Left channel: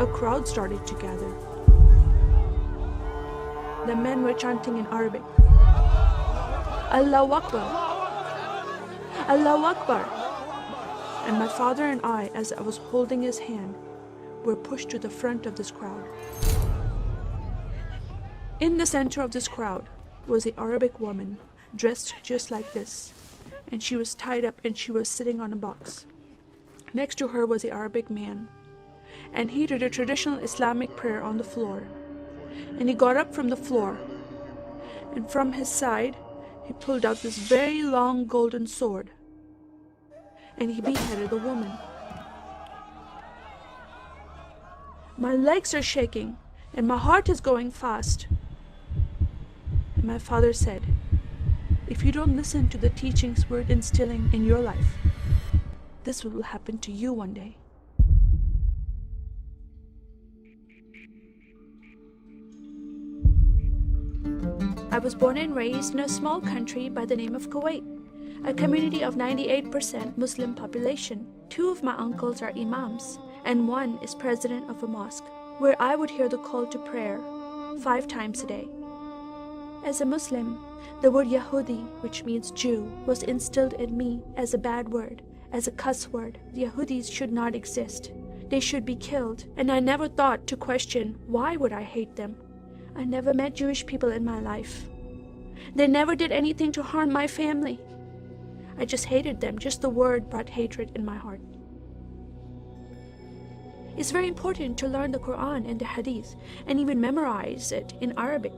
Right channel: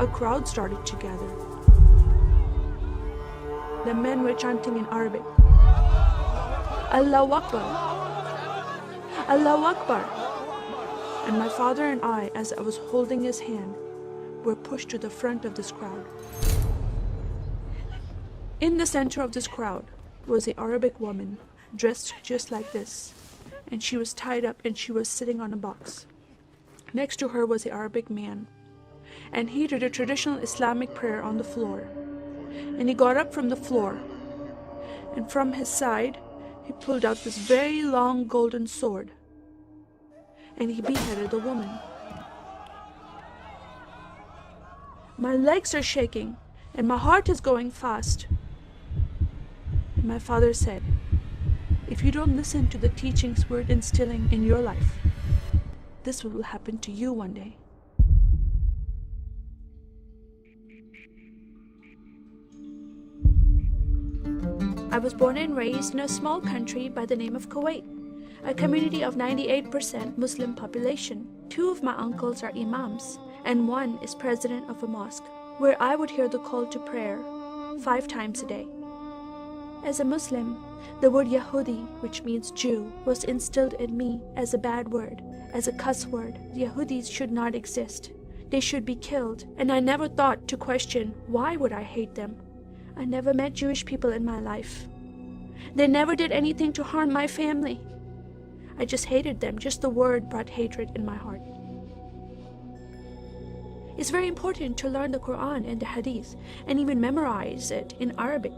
a crowd started to gather. The men were chanting in Arabic, Allahu Akbar, Allahu Akbar. And my father and I, as I was holding his hand, were pushed to the front of this crowd. In the center of this crowd was an Arabic woman, dressed just like this, and she was tied up and she was sitting on a box. Next to her was an Arabic man, and he did a traditional Islamic prayer on the floor. And he got up from the floor, and from his side, he pulled out this very long golden sword, and he beheaded the woman. My legs are shaking, and my heart is going fast. And my father said, if you don't listen to the teachings we're instilling in your life, this will happen to you one day. I was born and raised in a small country by the name of Kuwait, a community of 98% Muslim population. 2 of my uncles are imams, and 1 is president of a mosque, where I would hear the call to prayer 5 times a day. As a Muslim, the word Yahudi, which means Jew, was instilled in me as a bad word, as a cuss word. Yahudis should not exist. They should be killed, and I never thought to question why would I hate them. I never met Jewish people in my life. They never did anything to harm my family. I just hated them. Just the word brought hatred in my heart. It's very important to learn the Quran and the Hadith and even memorize it in Arabic.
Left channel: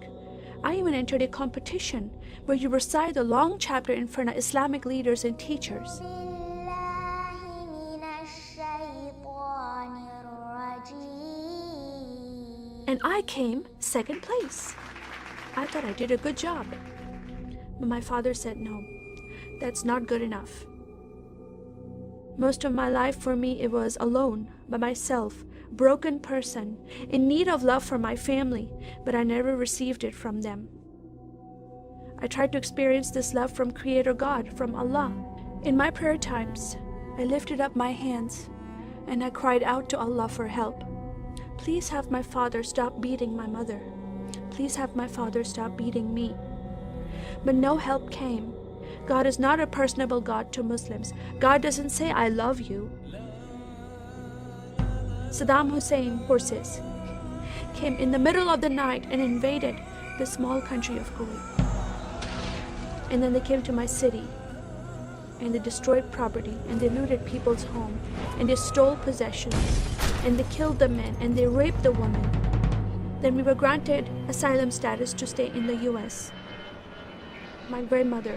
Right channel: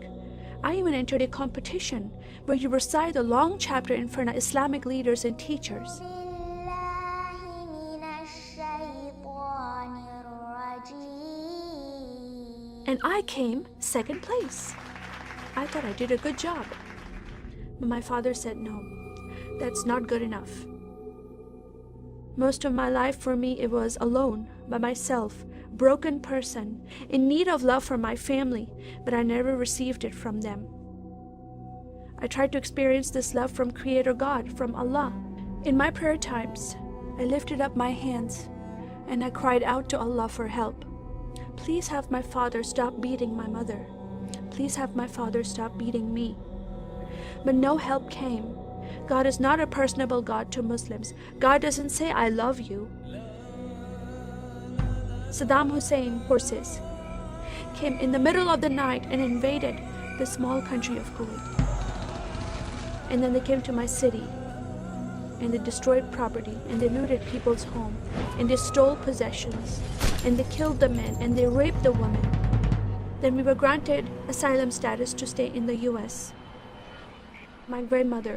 I even entered a competition where you recite a long chapter in front of Islamic leaders and teachers. And I came 2nd place. I thought I did a good job. But my father said, no, that's not good enough. Most of my life for me, it was alone, by myself, broken person, in need of love from my family, but I never received it from them. I tried to experience this love from Creator God, from Allah. In my prayer times, I lifted up my hands and I cried out to Allah for help. Please have my father stop beating my mother. Please have my father stop beating me. But no help came. God is not a personable God to Muslims. God doesn't say, I love you. Saddam Hussein forces came in the middle of the night and invaded the small country of Kuwait. And then they came to my city and they destroyed property and they looted people's home and they stole possessions and they killed the men and they raped the women. Then we were granted asylum status to stay in the US. My grandmother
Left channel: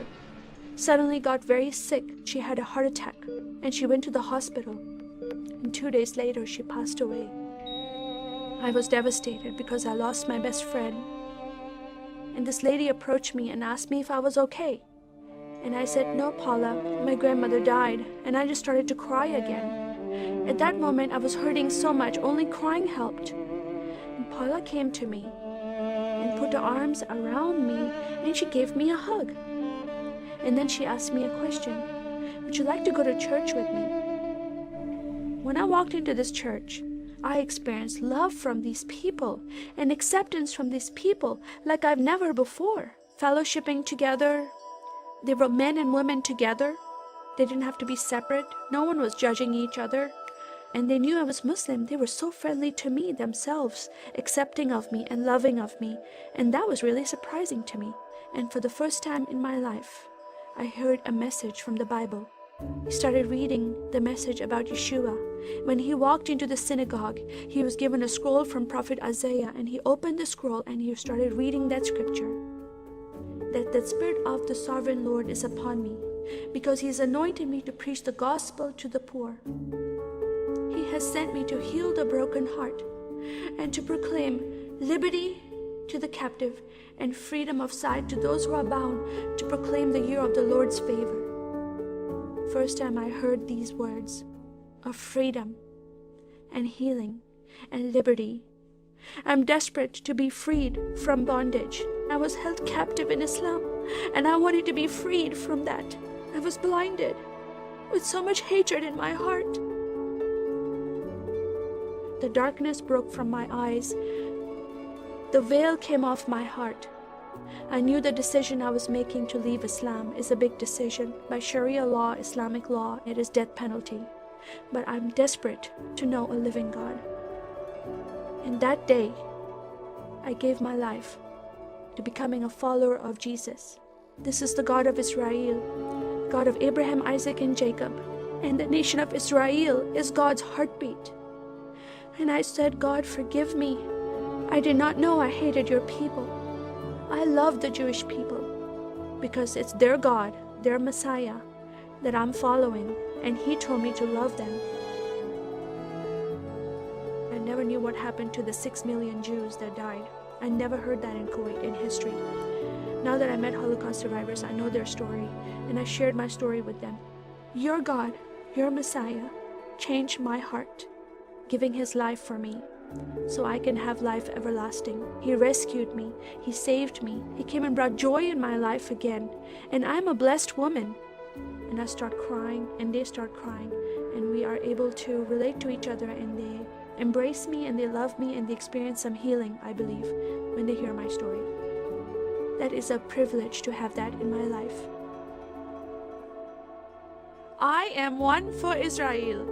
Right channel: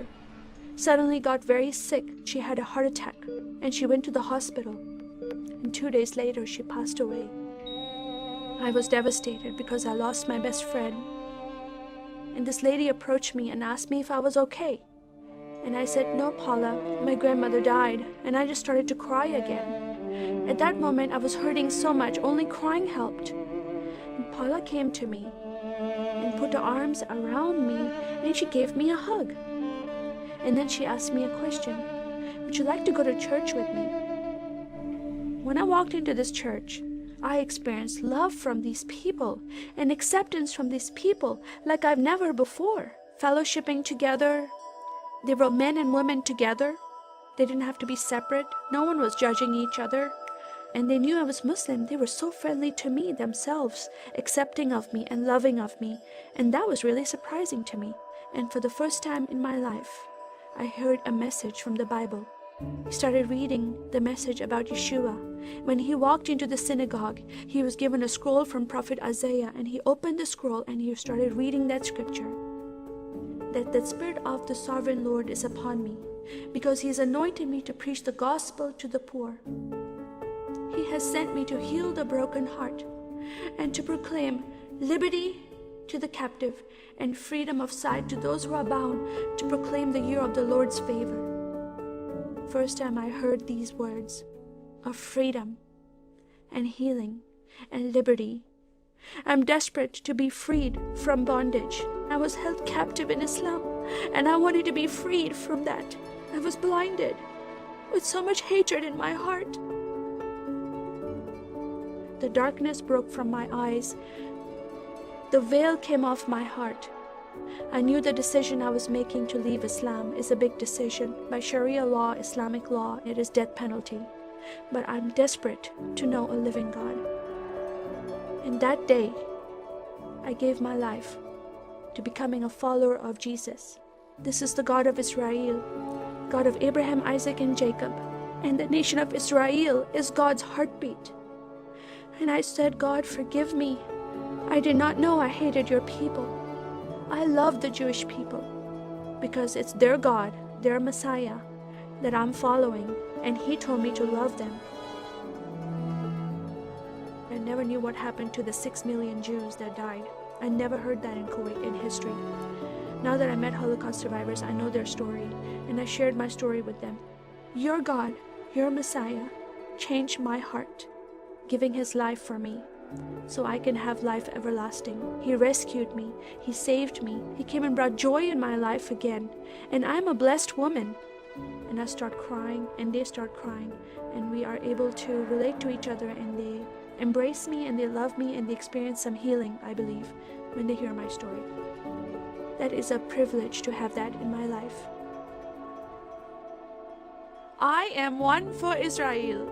suddenly got very sick. She had a heart attack and she went to the hospital. And 2 days later, she passed away. I was devastated because I lost my best friend. And this lady approached me and asked me if I was okay. And I said, no, Paula, my grandmother died. And I just started to cry again. At that moment, I was hurting so much, only crying helped. And Paula came to me and put her arms around me and she gave me a hug. And then she asked me a question. Would you like to go to church with me? When I walked into this church, I experienced love from these people and acceptance from these people like I've never before. Fellowshipping together. They were men and women together. They didn't have to be separate. No one was judging each other. And they knew I was Muslim. They were so friendly to me themselves, accepting of me and loving of me. And that was really surprising to me. And for the first time in my life, I heard a message from the Bible. He started reading the message about Yeshua. When he walked into the synagogue, he was given a scroll from Prophet Isaiah, and he opened the scroll and he started reading that scripture. That the Spirit of the Sovereign Lord is upon me, because he has anointed me to preach the gospel to the poor. He has sent me to heal the broken heart and to proclaim liberty to the captive and freedom of sight to those who are bound, to proclaim the year of the Lord's favor. First time I heard these words of freedom and healing and liberty. I'm desperate to be freed from bondage. I was held captive in Islam and I wanted to be freed from that. I was blinded with so much hatred in my heart. The darkness broke from my eyes. The veil came off my heart. I knew the decision I was making to leave Islam is a big decision. By Sharia law, Islamic law, it is death penalty. But I'm desperate to know a living God. In that day, I gave my life to becoming a follower of Jesus. This is the God of Israel, God of Abraham, Isaac, and Jacob. And the nation of Israel is God's heartbeat. And I said, God, forgive me. I did not know I hated your people. I love the Jewish people because it's their God, their Messiah that I'm following. And He told me to love them. I never knew what happened to the 6 million Jews that died. I never heard that in Kuwait in history. Now that I met Holocaust survivors, I know their story, and I shared my story with them. Your God, your Messiah, changed my heart, giving His life for me, so I can have life everlasting. He rescued me. He saved me. He came and brought joy in my life again. And I'm a blessed woman. And I start crying, and they start crying, and we are able to relate to each other, and they embrace me, and they love me, and they experience some healing, I believe, when they hear my story. That is a privilege to have that in my life. I am one for Israel.